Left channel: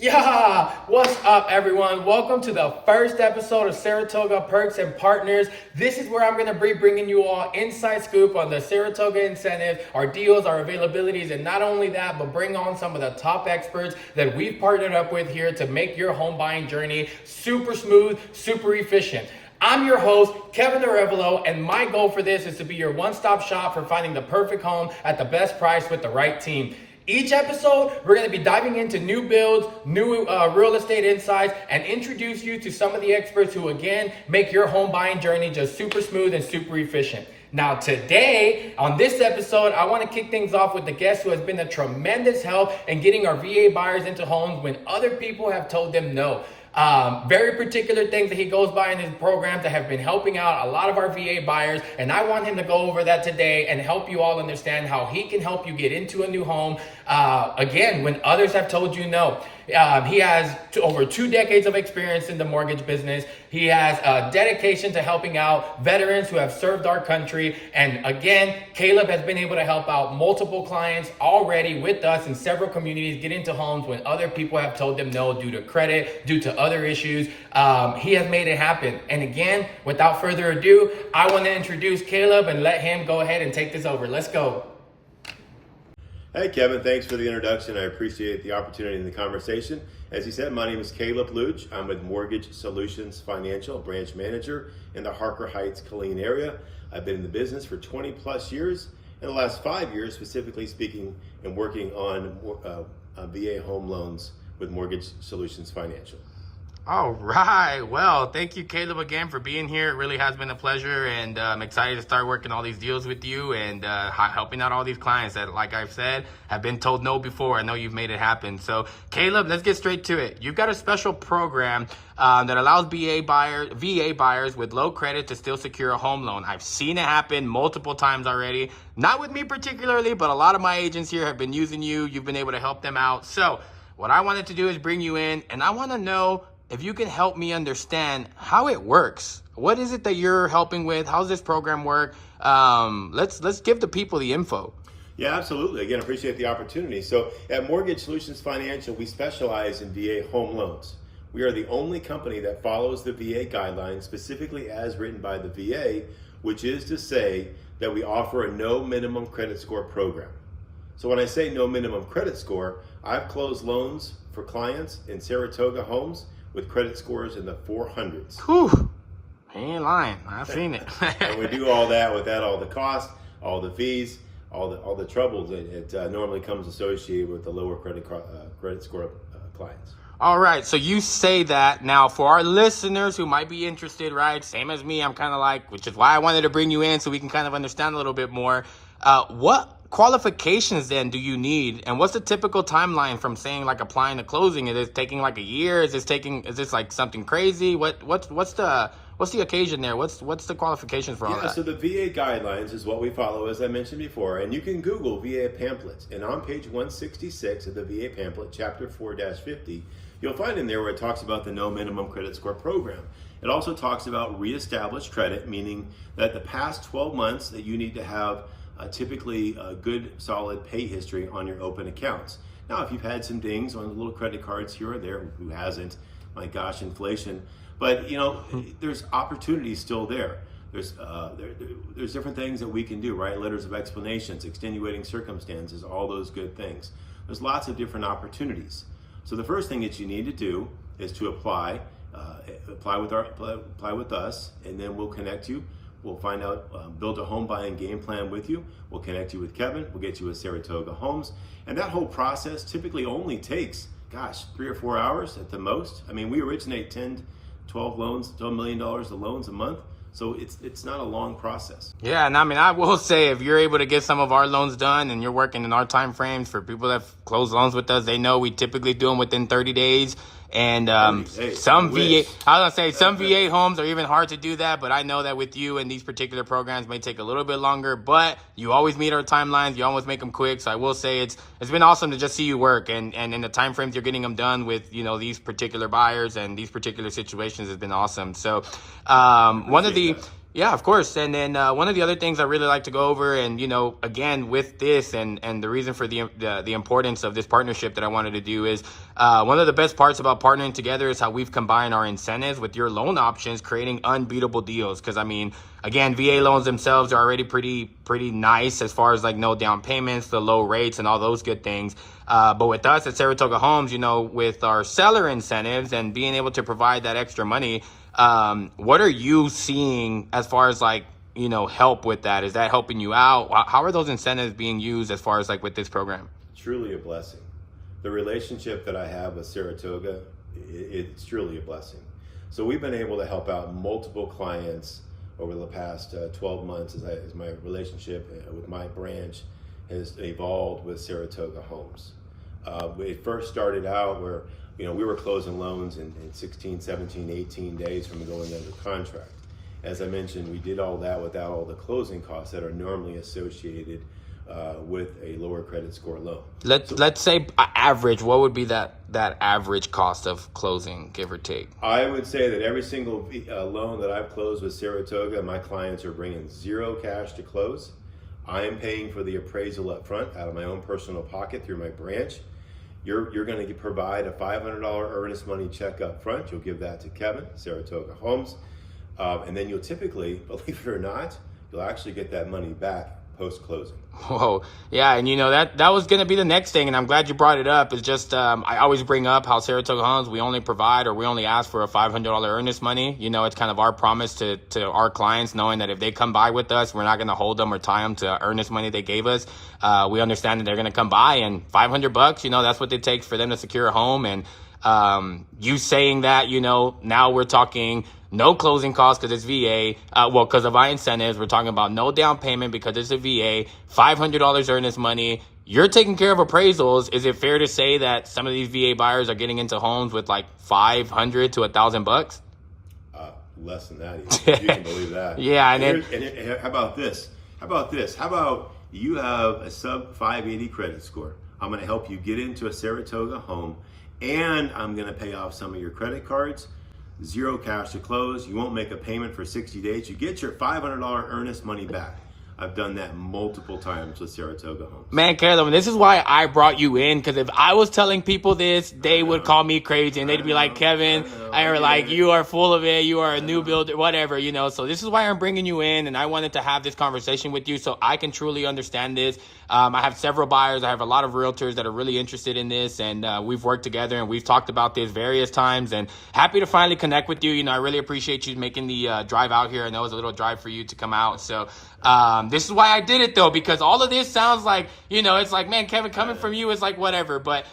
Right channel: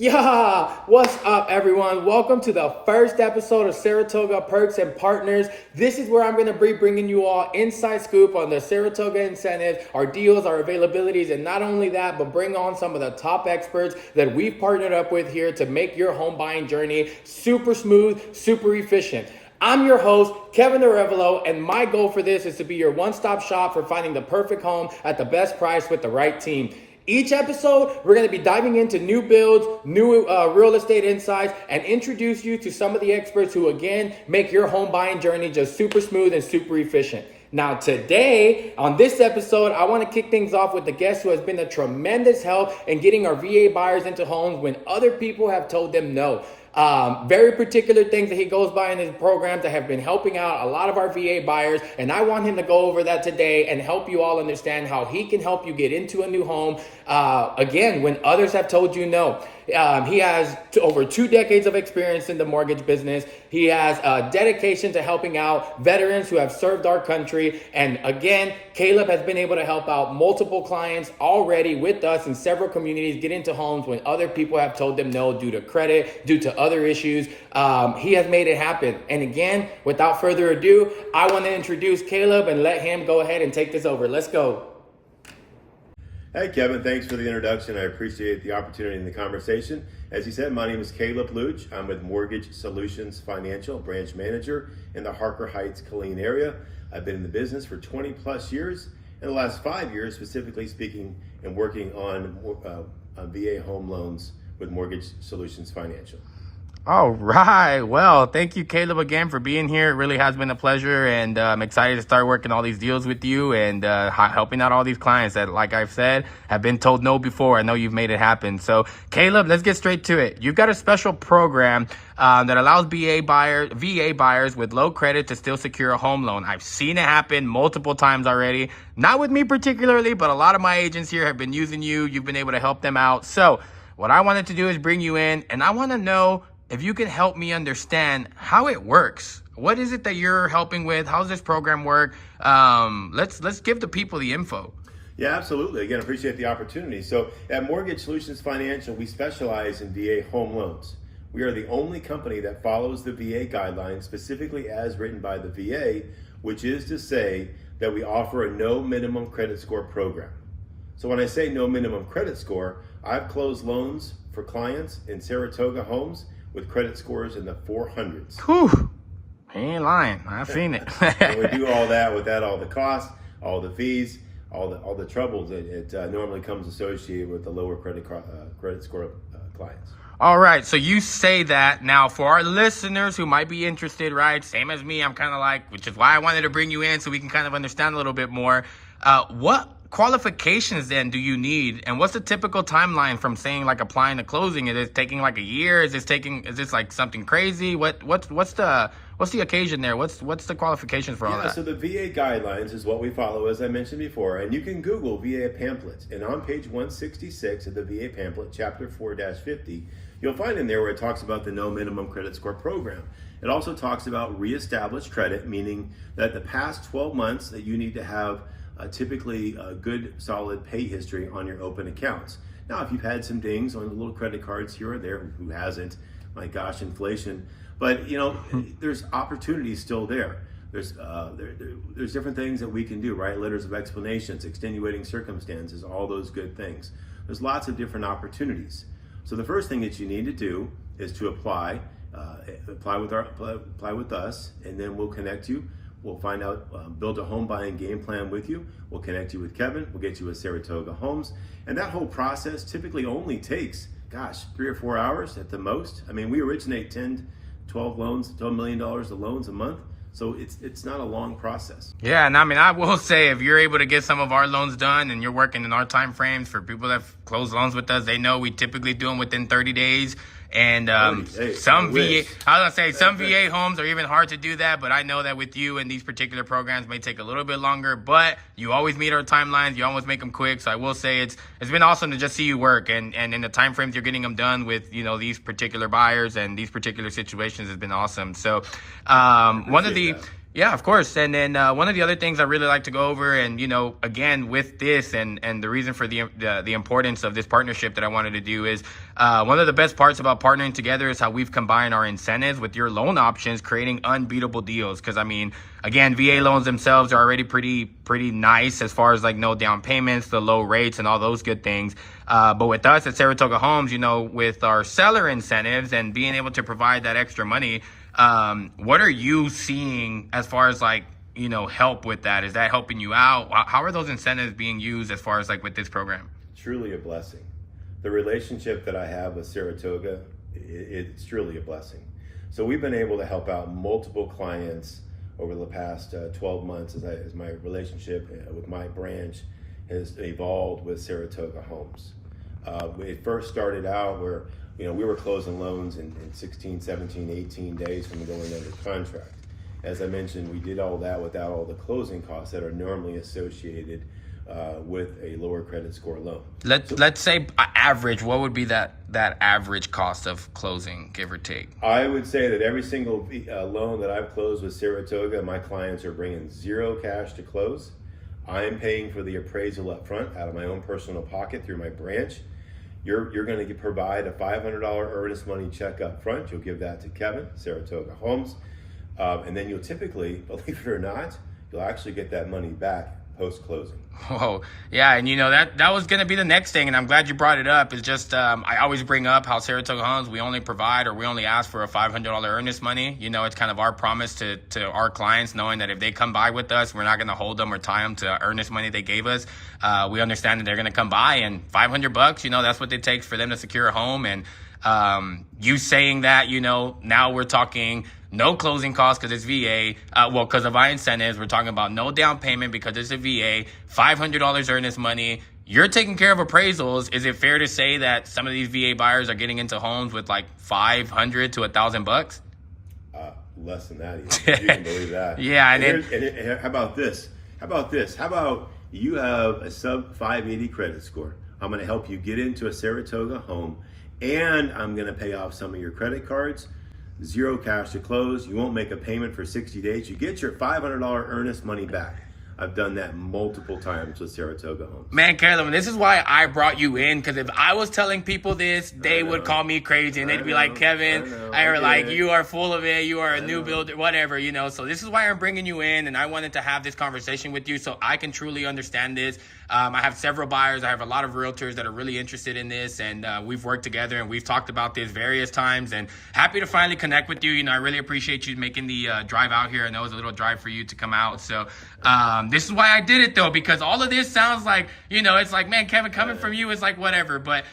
Yeah, what's up everyone? Welcome to the first episode of Saratoga Perks and Partners. This is where I'm going to be bringing you all inside scoop on the Saratoga incentives, our deals, our availabilities, and not only that, but bring on some of the top experts that we've partnered up with here to make your home buying journey super smooth, super efficient. I'm your host, Kevin Arevalo, and my goal for this is to be your one-stop shop for finding the perfect home at the best price with the right team. Each episode, we're going to be diving into new builds, new real estate insights, and introduce you to some of the experts who, again, make your home buying journey just super smooth and super efficient. Now, today, on this episode, I want to kick things off with the guest who has been a tremendous help in getting our VA buyers into homes when other people have told them no. Very particular things that he goes by in his program that have been helping out a lot of our VA buyers, and I want him to go over that today and help you all understand how he can help you get into a new home, again, when others have told you no. He has over 2 decades of experience in the mortgage business. He has a dedication to helping out veterans who have served our country. And again, Caleb has been able to help out multiple clients already with us in several communities get into homes when other people have told them no due to credit, due to other issues. He has made it happen. And again, without further ado, I want to introduce Caleb and let him go ahead and take this over. Let's go. Hey Kevin, thanks for the introduction. I appreciate the opportunity in the conversation. As you said, my name is Caleb Lutsch. I'm with Mortgage Solutions Financial, branch manager in the Harker Heights, Killeen area. I've been in the business for 20 plus years. In the last 5 years, specifically speaking, and working on VA home loans with Mortgage Solutions Financial. All right. Well, thank you, Caleb, again for being here. It really has been a pleasure, and I'm excited to start working all these deals with you and helping out all these clients that, like I've said, have been told no before. I know you've made it happen. So, Caleb, let's get straight to it. You've got a special program that allows VA buyers with low credit to still secure a home loan. I've seen it happen multiple times already. Not with me particularly, but a lot of my agents here have been using you. You've been able to help them out. So, what I wanted to do is bring you in, and I want to know if you can help me understand how it works. What is it that you're helping with? How does this program work? Let's give the people the info. Yeah, absolutely. Again, appreciate the opportunity. So at Mortgage Solutions Financial, we specialize in VA home loans. We are the only company that follows the VA guidelines, specifically as written by the VA, which is to say that we offer a no minimum credit score program. So when I say no minimum credit score, I've closed loans for clients in Saratoga Homes with credit scores in the 400s. Whew. He ain't lying. I've seen it. And we do all that without all the costs, all the fees, all the troubles it normally comes associated with the lower credit score clients. All right. So you say that. Now, for our listeners who might be interested, right? Same as me, I'm kind of like, which is why I wanted to bring you in so we can kind of understand a little bit more. What qualifications then do you need, and what's the typical timeline from saying like applying to closing? Is it taking like a year? Is this like something crazy? What's the occasion there? What's the qualifications for all that? So the VA guidelines is what we follow, as I mentioned before, and you can Google VA pamphlets, and on page 166 of the VA pamphlet, chapter 4-50, you'll find in there where it talks about the no minimum credit score program. It also talks about reestablished credit, meaning that the past 12 months that you need to have typically a good solid pay history on your open accounts. Now, if you've had some dings on the little credit cards here or there, who hasn't? My gosh, inflation. But there's opportunities still there. There's different things that we can do, right? Letters of explanations, extenuating circumstances, all those good things. There's lots of different opportunities. So the first thing that you need to do is to apply with us, and then we'll connect you. We'll find out, build a home buying game plan with you. We'll connect you with Kevin. We'll get you with Saratoga Homes. And that whole process typically only takes, 3 or 4 hours at the most. I mean, we originate 10, 12 loans, $12 million of loans a month. So it's not a long process. Yeah, and I mean, I will say, if you're able to get some of our loans done and you're working in our time frames, for people that have closed loans with us, they know we typically do them within 30 days. And some VA homes are even hard to do that, but I know that with you and these particular programs may take a little bit longer, but you always meet our timelines. You always make them quick. So I will say it's been awesome to just see you work, and in the time frames you're getting them done with, these particular buyers and these particular situations has been awesome. So one of the Yeah, of course. And then one of the other things I really like to go over, and again with this, and the reason for the importance of this partnership that I wanted to do is one of the best parts about partnering together is how we've combined our incentives with your loan options, creating unbeatable deals. Because again, VA loans themselves are already pretty nice as far as like no down payments, the low rates, and all those good things. But with us at Saratoga Homes, with our seller incentives and being able to provide that extra money. What are you seeing as far as help with that? Is that helping you out? How are those incentives being used as far as with this program? Truly a blessing. The relationship that I have with Saratoga, it's truly a blessing. So we've been able to help out multiple clients over the past 12 months as my relationship with my branch has evolved with Saratoga Homes. It first started out where we were closing loans in 16, 17, 18 days from going under contract. As I mentioned, we did all that without all the closing costs that are normally associated with a lower credit score loan. Let's say average. What would be that average cost of closing, give or take? I would say that every single loan that I've closed with Saratoga, my clients are bringing zero cash to close. I am paying for the appraisal up front out of my own personal pocket through my branch. You're going to provide a $500 earnest money check up front. You'll give that to Kevin, Saratoga Homes. And then you'll typically, believe it or not, you'll actually get that money back post-closing. Whoa. Yeah, and that was going to be the next thing, and I'm glad you brought it up. It's just I always bring up how Saratoga Homes, we only provide or we only ask for a $500 earnest money. It's kind of our promise to our clients, knowing that if they come by with us, we're not going to hold them or tie them to earnest money they gave us. We understand that they're going to come by, and $500, that's what it takes for them to secure a home. And you saying that, now we're talking no closing costs because it's VA. Because of our incentives, we're talking about no down payment because it's a VA, $500 earnest money. You're taking care of appraisals. Is it fair to say that some of these VA buyers are getting into homes with like $500 to $1,000? Less than that, even. You can believe that. Yeah, and how about this? How about you have a sub 580 credit score? I'm going to help you get into a Saratoga home, and I'm going to pay off some of your credit cards. Zero cash to close. You won't make a payment for 60 days. You get your $500 earnest money back. I've done that multiple times with Saratoga Homes. Man, Caleb, this is why I brought you in, because if I was telling people this, they would call me crazy, and they'd be like, Kevin, you are full of it, you are a new builder, whatever, So this is why I'm bringing you in, and I wanted to have this conversation with you so I can truly understand this. I have several buyers. I have a lot of realtors that are really interested in this, and we've worked together, and we've talked about this various times, and happy to finally connect with you. I really appreciate you making the drive out here. I know it was a little drive for you to come out, so this is why I did it, though, because all of this sounds like, it's like, man, Kevin, coming from you is like whatever. But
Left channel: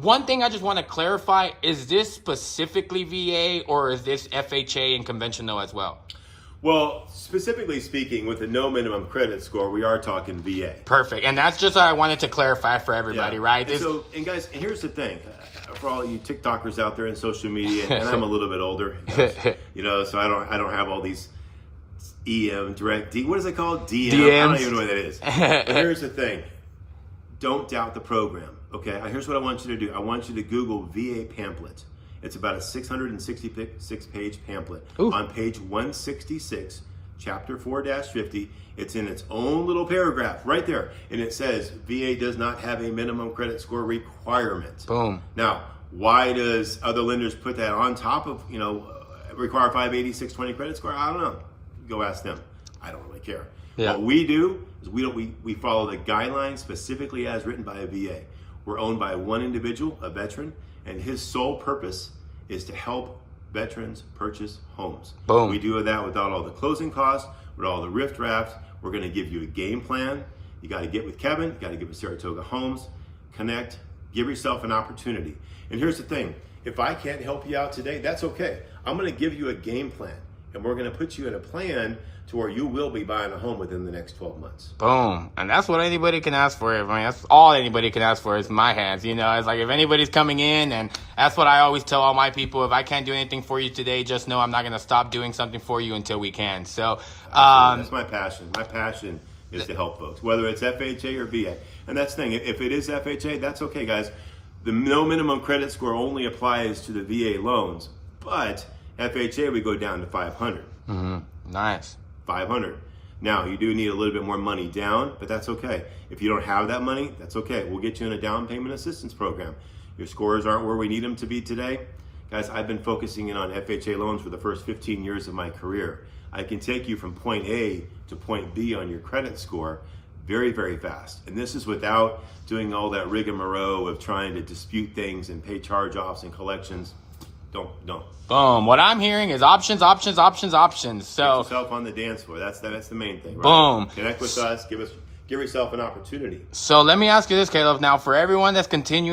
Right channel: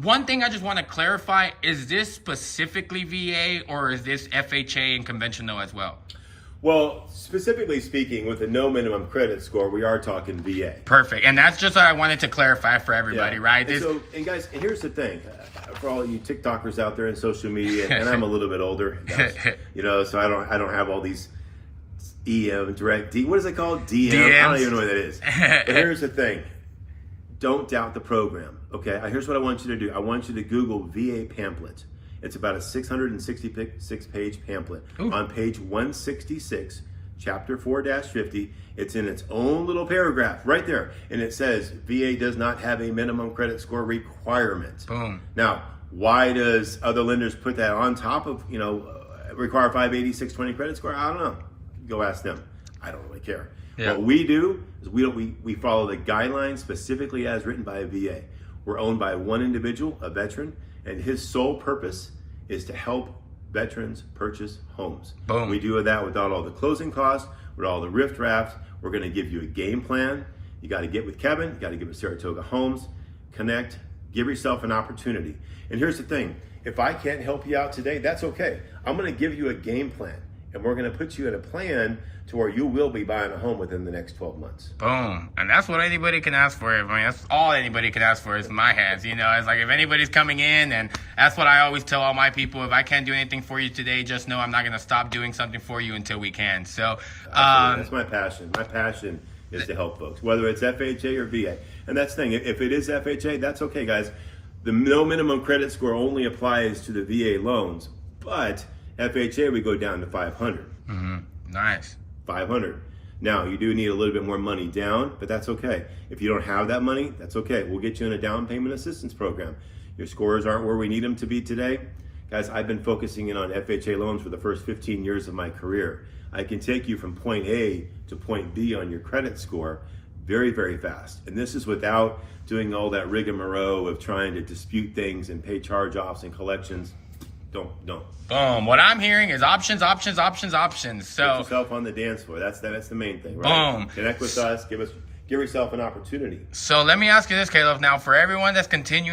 one thing I just want to clarify, is this specifically VA or is this FHA and conventional as well? Well, specifically speaking, with a no minimum credit score, we are talking VA. Perfect. And that's just what I wanted to clarify for everybody, right? And guys, here's the thing. For all you TikTokers out there in social media, and I'm a little bit older, so I don't have all these direct what is it called? DMs? I don't even know what that is. But here's the thing. Don't doubt the program, okay? Here's what I want you to do. I want you to Google VA pamphlet. It's about a 666-page pamphlet. Ooh. On page 166, chapter 4-50. It's in its own little paragraph right there. And it says, VA does not have a minimum credit score requirement. Boom. Now, why does other lenders put that on top of, require 580, 620 credit score? I don't know. Go ask them. I don't really care. Yeah. What we do is we follow the guidelines specifically as written by a VA. We're owned by one individual, a veteran, and his sole purpose is to help veterans purchase homes. Boom. We do that without all the closing costs, with all the rift drafts. We're going to give you a game plan. You got to get with Kevin. You got to get with Saratoga Homes. Connect. Give yourself an opportunity. And here's the thing. If I can't help you out today, that's okay. I'm going to give you a game plan. And we're going to put you in a plan to where you will be buying a home within the next 12 months. Boom. And that's what anybody can ask for. That's all anybody can ask for is my hands. It's like if anybody's coming in, and that's what I always tell all my people. If I can't do anything for you today, just know I'm not going to stop doing something for you until we can. So that's my passion. My passion is to help folks, whether it's FHA or VA. And that's the thing. If it is FHA, that's okay, guys. The no minimum credit score only applies to the VA loans, but FHA, we go down to 500. Mm-hmm. Nice. $500. Now, you do need a little bit more money down, but that's okay. If you don't have that money, that's okay. We'll get you in a down payment assistance program. Your scores aren't where we need them to be today. Guys, I've been focusing in on FHA loans for the first 15 years of my career. I can take you from point A to point B on your credit score very, very fast. And this is without doing all that rigmarole of trying to dispute things and pay charge-offs and collections. Don't. Boom. What I'm hearing is options, options, options, options. So get yourself on the dance floor. That's the main thing, right? Boom. Connect with us. Give yourself an opportunity. So let me ask you this, Caleb. Now, for everyone that's continuing